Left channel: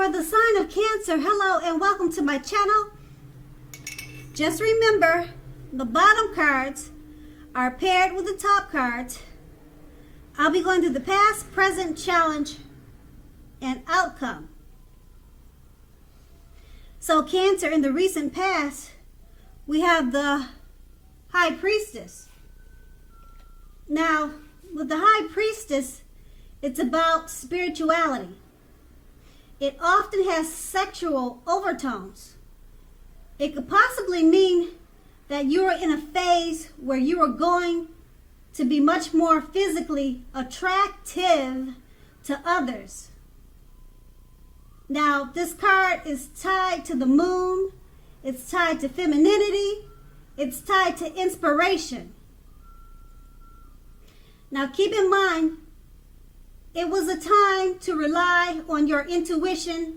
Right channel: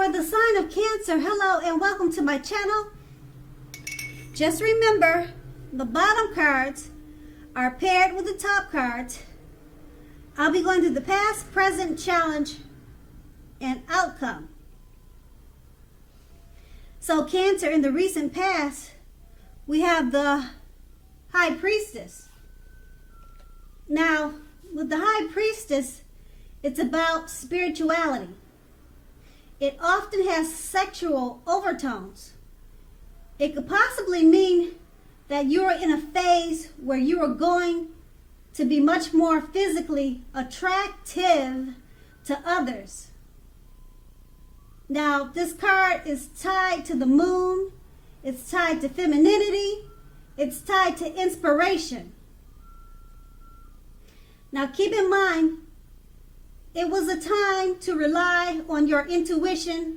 For the sign of Cancer, hello and welcome to my channel. Just remember, the bottom cards are paired with the top cards. I'll be going through the past, present, challenge, and outcome. So Cancer, in the recent past, we have the High Priestess. Now, with the High Priestess, it's about spirituality. It often has sexual overtones. It could possibly mean that you are in a phase where you are going to be much more physically attractive to others. Now, this card is tied to the moon. It's tied to femininity. It's tied to inspiration. Now, keep in mind, it was a time to rely on your intuition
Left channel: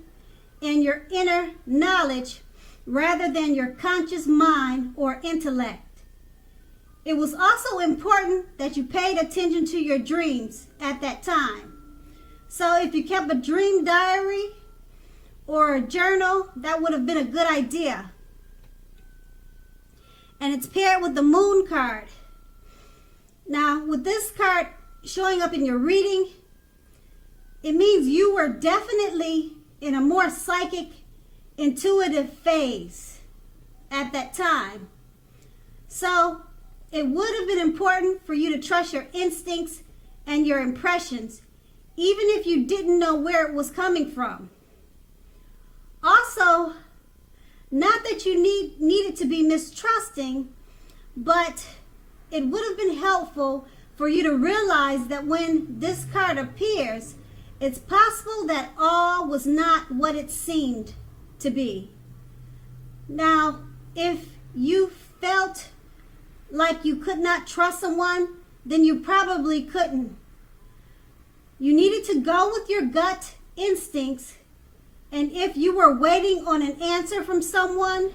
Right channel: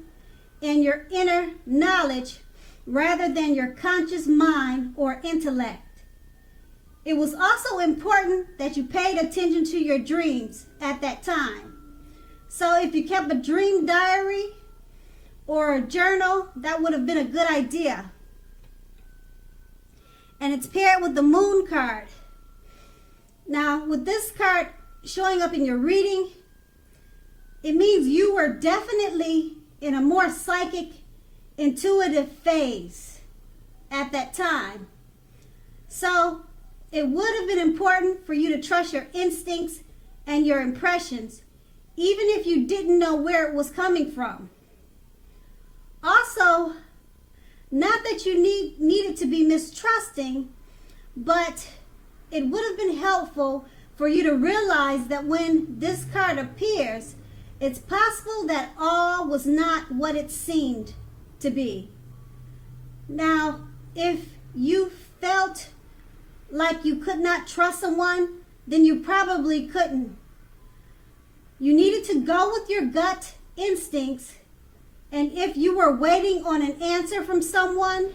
and your inner knowledge rather than your conscious mind or intellect. It was also important that you paid attention to your dreams at that time. So if you kept a dream diary or a journal, that would have been a good idea. And it's paired with the moon card. Now, with this card showing up in your reading, it means you were definitely in a more psychic, intuitive phase at that time. So it would have been important for you to trust your instincts and your impressions, even if you didn't know where it was coming from. Also, not that you needed to be mistrusting, but it would have been helpful for you to realize that when this card appears, it's possible that all was not what it seemed to be. Now, if you felt like you could not trust someone, then you probably couldn't. You needed to go with your gut instincts, and if you were waiting on an answer from someone,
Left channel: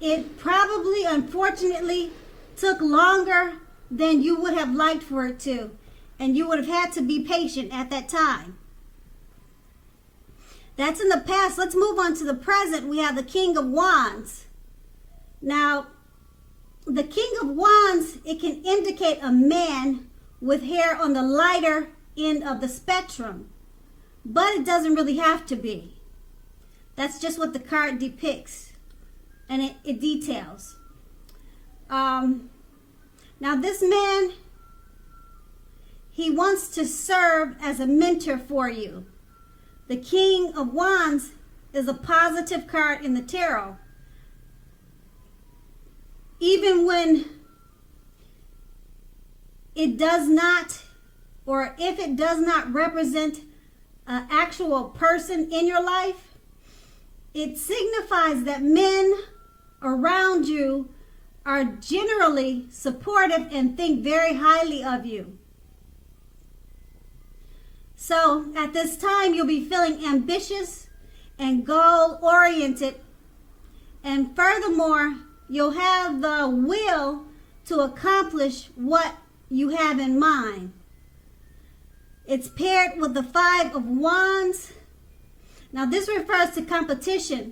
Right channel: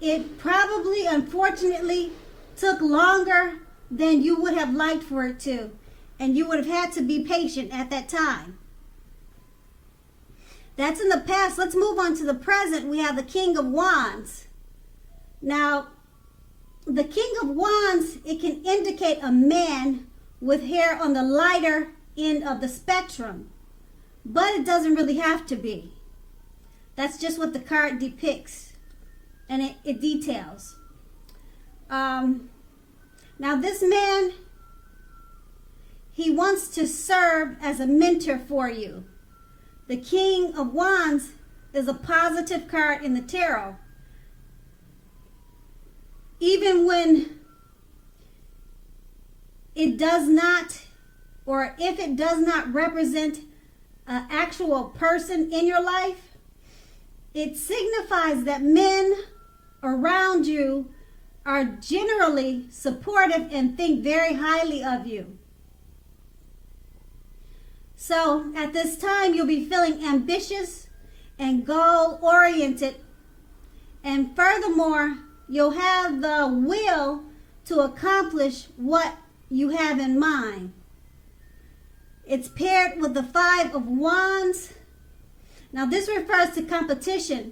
it probably, unfortunately, took longer than you would have liked for it to. And you would have had to be patient at that time. That's in the past. Let's move on to the present. We have the King of Wands. Now, the King of Wands, it can indicate a man with hair on the lighter end of the spectrum. But it doesn't really have to be. That's just what the card depicts. And it details. Now, this man, he wants to serve as a mentor for you. The King of Wands is a positive card in the tarot. Even when it does not, or if it does not represent an actual person in your life, it signifies that men around you are generally supportive and think very highly of you. So at this time, you'll be feeling ambitious and goal-oriented. And furthermore, you'll have the will to accomplish what you have in mind. It's paired with the Five of Wands. Now, this refers to competition.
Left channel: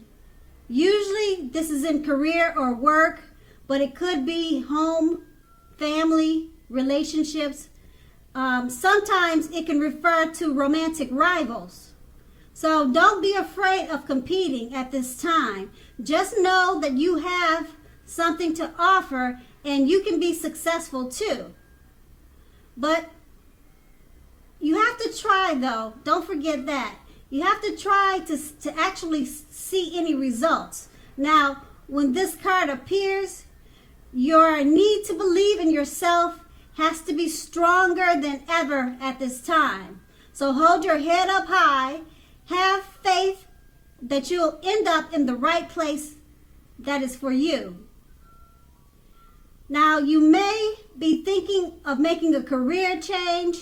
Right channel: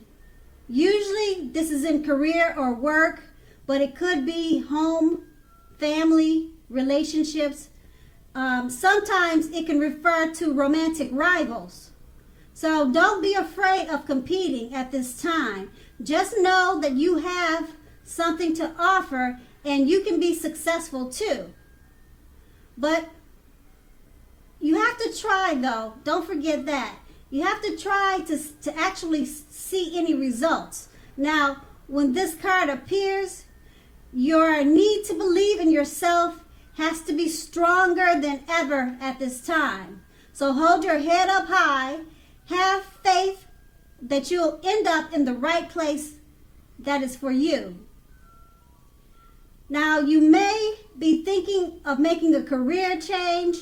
Usually, this is in career or work, but it could be home, family, relationships. Sometimes it can refer to romantic rivals. So don't be afraid of competing at this time. Just know that you have something to offer and you can be successful too. But you have to try, though. Don't forget that. You have to try to actually see any results. Now, when this card appears, your need to believe in yourself has to be stronger than ever at this time. So hold your head up high. Have faith that you'll end up in the right place that is for you. Now, you may be thinking of making a career change.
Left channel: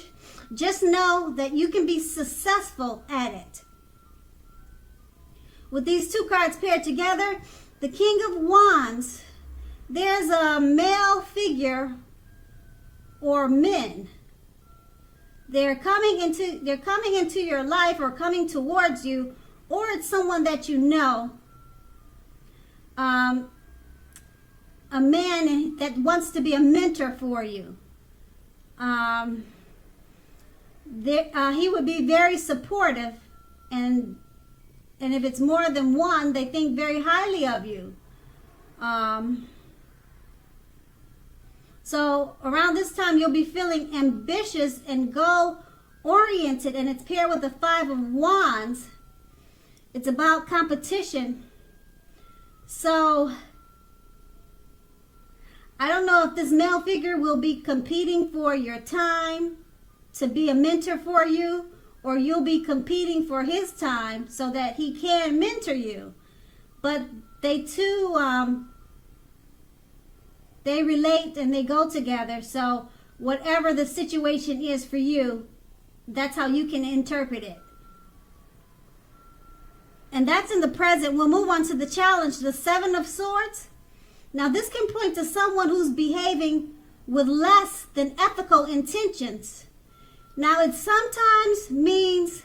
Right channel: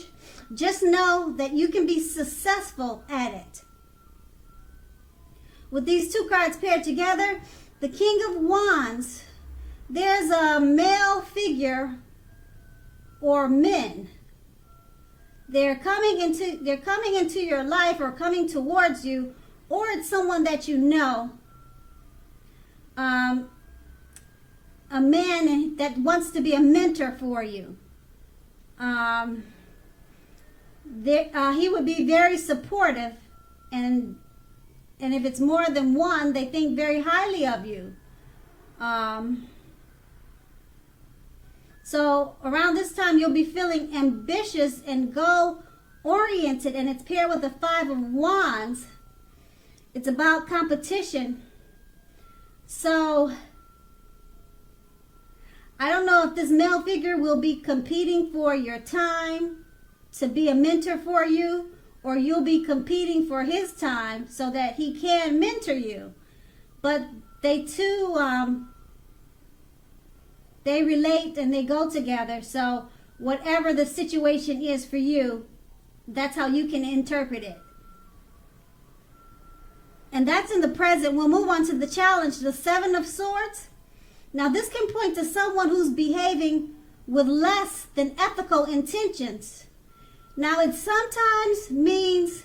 Just know that you can be successful at it. With these two cards paired together, the King of Wands, there's a male figure or men. They're coming into your life or coming towards you, or it's someone that you know. A man that wants to be a mentor for you. He would be very supportive, and if it's more than one, they think very highly of you. So around this time, you'll be feeling ambitious and goal-oriented, and it's paired with the Five of Wands. It's about competition. So I don't know if this male figure will be competing for your time to be a mentor for you, or you'll be competing for his time so that he can mentor you. But they too, they relate and they go together. So whatever the situation is for you, that's how you can interpret it. And that's in the present. We'll move on to the challenge, the Seven of Swords. Now this can point to someone who's behaving with less than ethical intentions. Now it sometimes means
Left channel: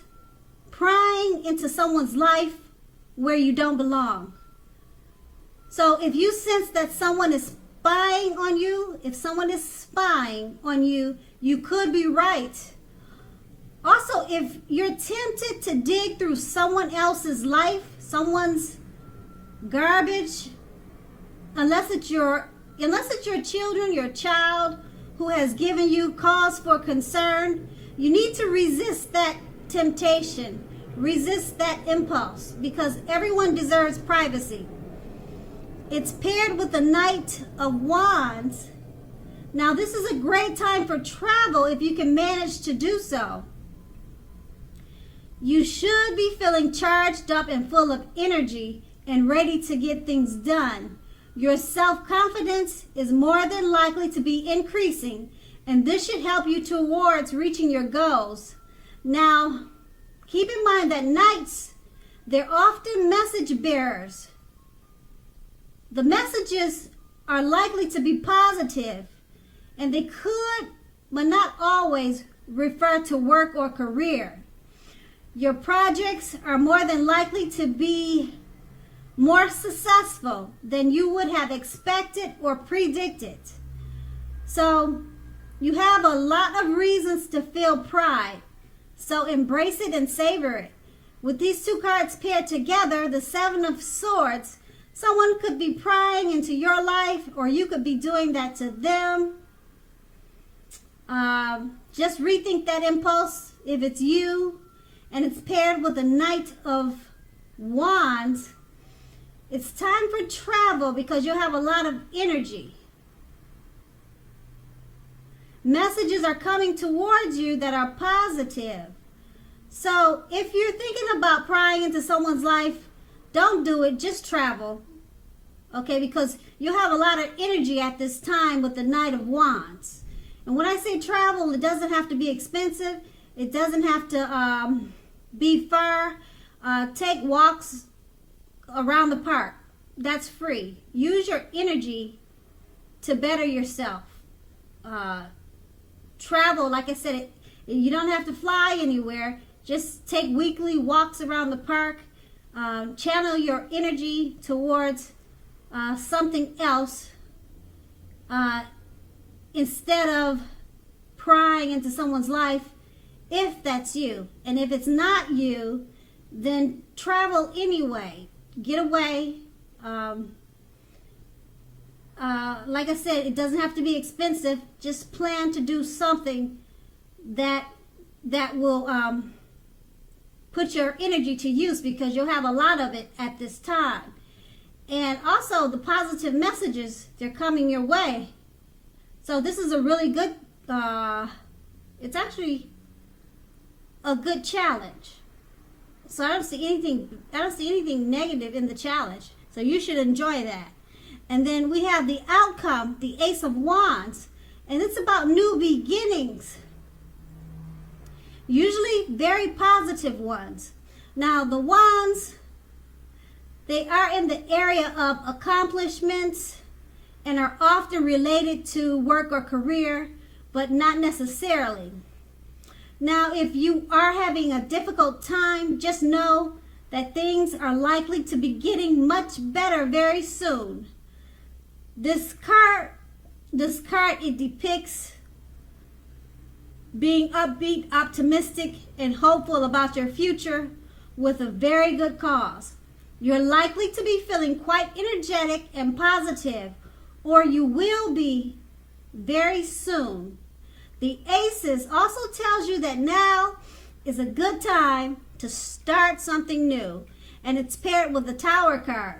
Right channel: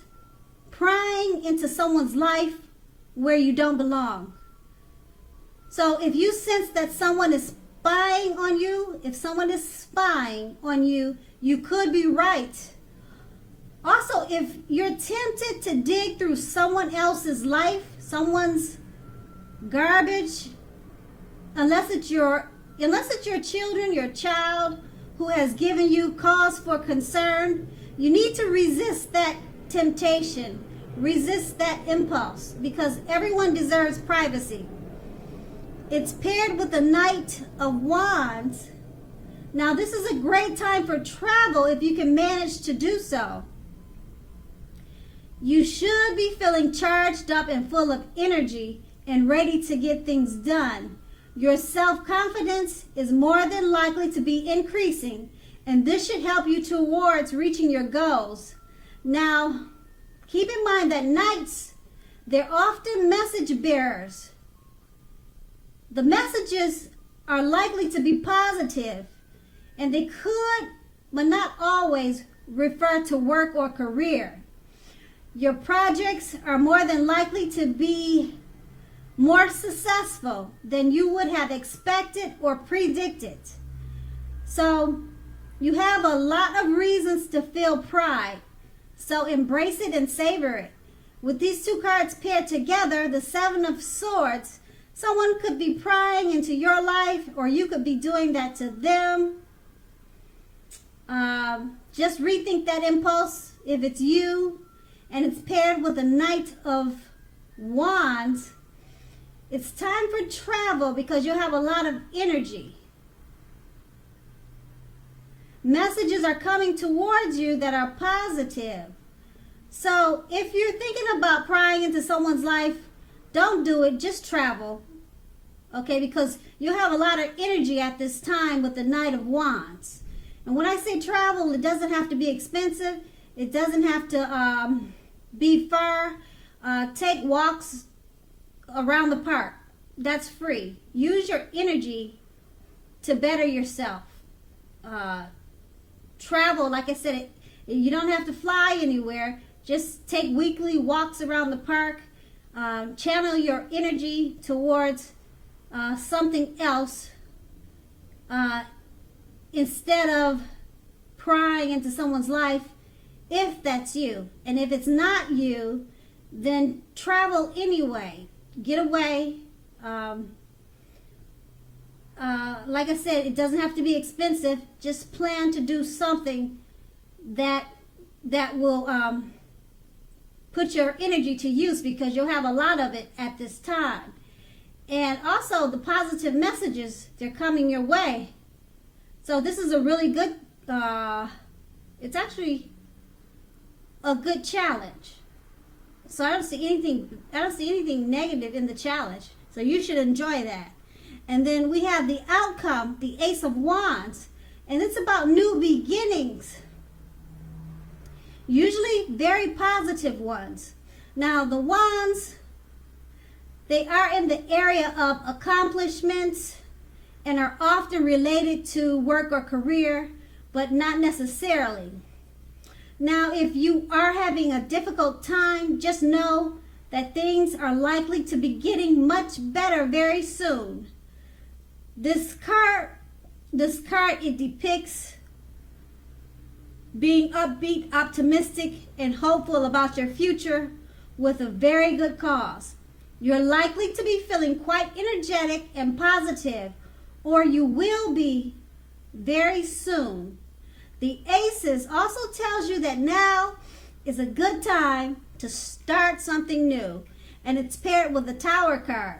prying into someone's life where you don't belong. So if you sense that someone is spying on you, if someone is spying on you, you could be right. Also, if you're tempted to dig through someone else's life, someone's garbage, unless it's your children, your child who has given you cause for concern, you need to resist that temptation, resist that impulse, because everyone deserves privacy. It's paired with the Knight of Wands. Now, this is a great time for travel if you can manage to do so. You should be feeling charged up and full of energy and ready to get things done. Your self-confidence is more than likely to be increasing, and this should help you towards reaching your goals. Now, keep in mind that knights, they're often message bearers. The messages are likely to be positive, and they could, but not always, refer to work or career. Your projects are more than likely to be more successful than you would have expected or predicted. So you have a lot of reasons to feel pride. So embrace it and savor it. With these two cards paired together, the Seven of Swords, someone could be prying into your life, or you could be doing that to them. Just rethink that impulse if it's you. And it's paired with the Knight of Wands. It's time for travel because you'll have a lot of energy. Messages are coming towards you that are positive. So if you're thinking about prying into someone's life, don't do it. Just travel. Okay, because you have a lot of energy at this time with the Knight of Wands. And when I say travel, it doesn't have to be expensive. It doesn't have to be far. Take walks around the park. That's free. Use your energy to better yourself. Travel, like I said, you don't have to fly anywhere. Just take weekly walks around the park. Channel your energy towards something else instead of prying into someone's life, if that's you. And if it's not you, then travel anyway. Get away. Like I said, it doesn't have to be expensive. Just plan to do something that will put your energy to use, because you'll have a lot of it at this time. And also the positive messages, they're coming your way. So this is a really good, it's actually a good challenge. So I don't see anything negative in the challenge. So you should enjoy that. And then we have the outcome, the Ace of Wands, and it's about new beginnings. Usually very positive ones. Now the wands, they are in the area of accomplishments and are often related to work or career, but not necessarily. Now, if you are having a difficult time, just know that things are likely to be getting much better very soon. This card, it depicts being upbeat, optimistic, and hopeful about your future with a very good cause. You're likely to be feeling quite energetic and positive, or you will be very soon. The Aces also tells you that now is a good time to start something new, and it's paired with the Tower card.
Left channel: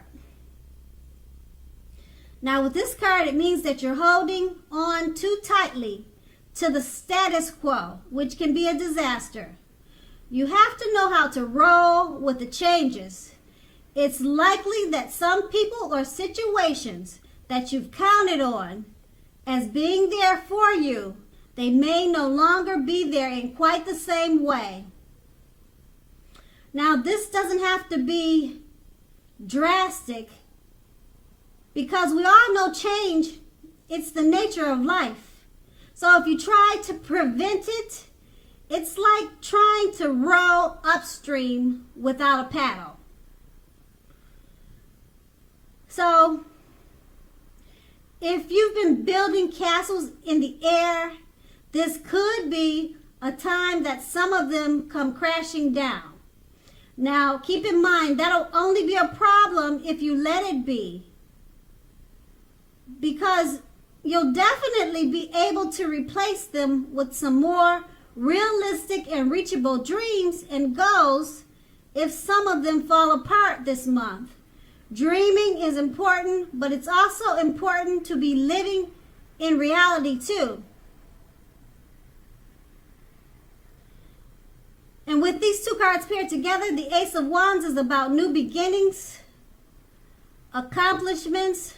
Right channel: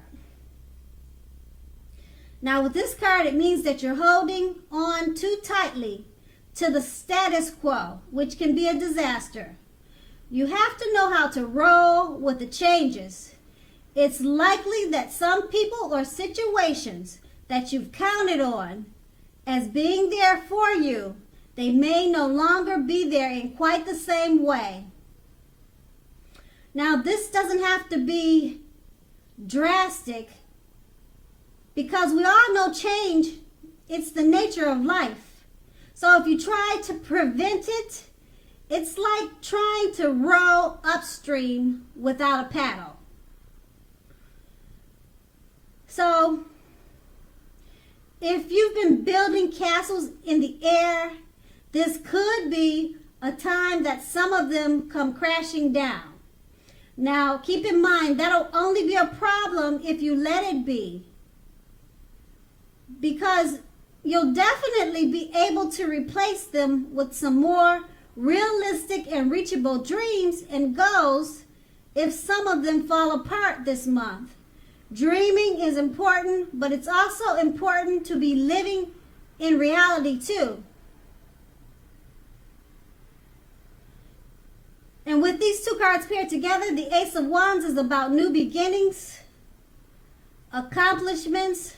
Now with this card, it means that you're holding on too tightly to the status quo, which can be a disaster. You have to know how to roll with the changes. It's likely that some people or situations that you've counted on as being there for you, they may no longer be there in quite the same way. Now, this doesn't have to be drastic, because we all know change, it's the nature of life. So if you try to prevent it, it's like trying to row upstream without a paddle. So if you've been building castles in the air, this could be a time that some of them come crashing down. Now, keep in mind, that'll only be a problem if you let it be, because you'll definitely be able to replace them with some more realistic and reachable dreams and goals if some of them fall apart this month. Dreaming is important, but it's also important to be living in reality too. And with these two cards paired together, the Ace of Wands is about new beginnings, accomplishments.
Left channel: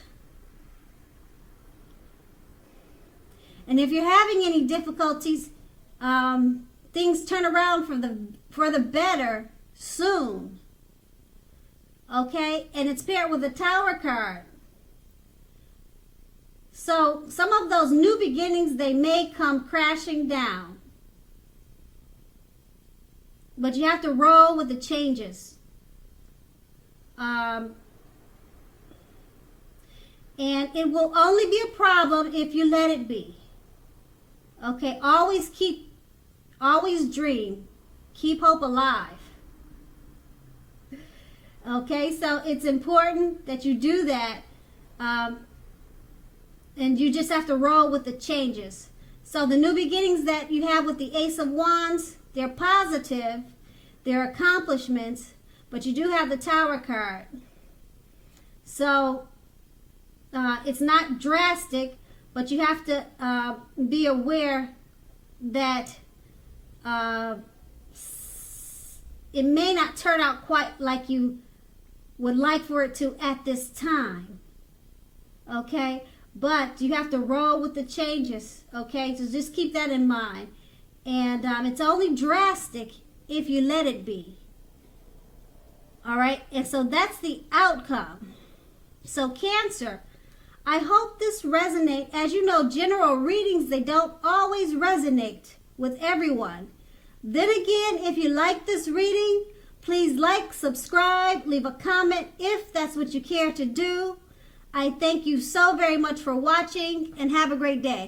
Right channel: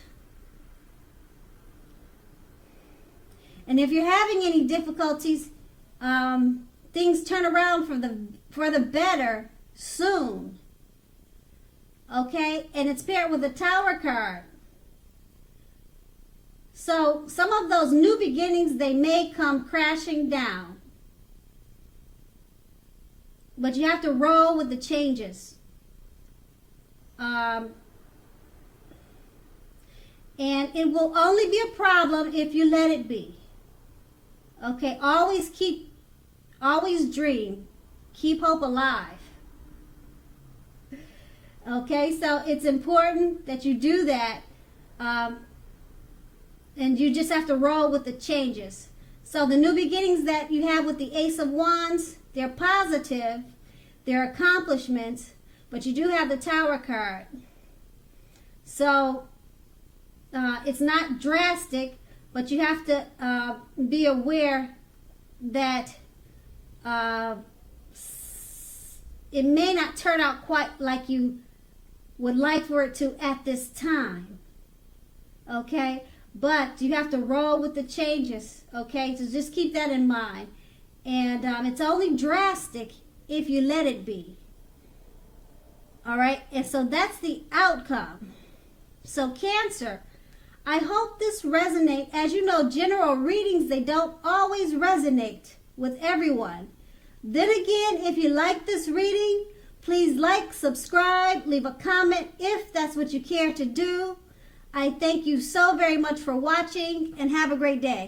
And if you're having any difficulties, things turn around for the better soon. Okay? And it's paired with the Tower card. So some of those new beginnings, they may come crashing down. But you have to roll with the changes. And it will only be a problem if you let it be. Okay, always dream. Keep hope alive. Okay, so it's important that you do that. And you just have to roll with the changes. So the new beginnings that you have with the Ace of Wands, they're positive, they're accomplishments, but you do have the Tower card. So it's not drastic, but you have to be aware that it may not turn out quite like you would like for it to at this time. Okay? But you have to roll with the changes. Okay? So just keep that in mind. And it's only drastic if you let it be. All right? And so that's the outcome. So Cancer, I hope this resonates. As you know, general readings, they don't always resonate with everyone. Then again, if you like this reading, please like, subscribe, leave a comment if that's what you care to do. I thank you so very much for watching, and have a great day.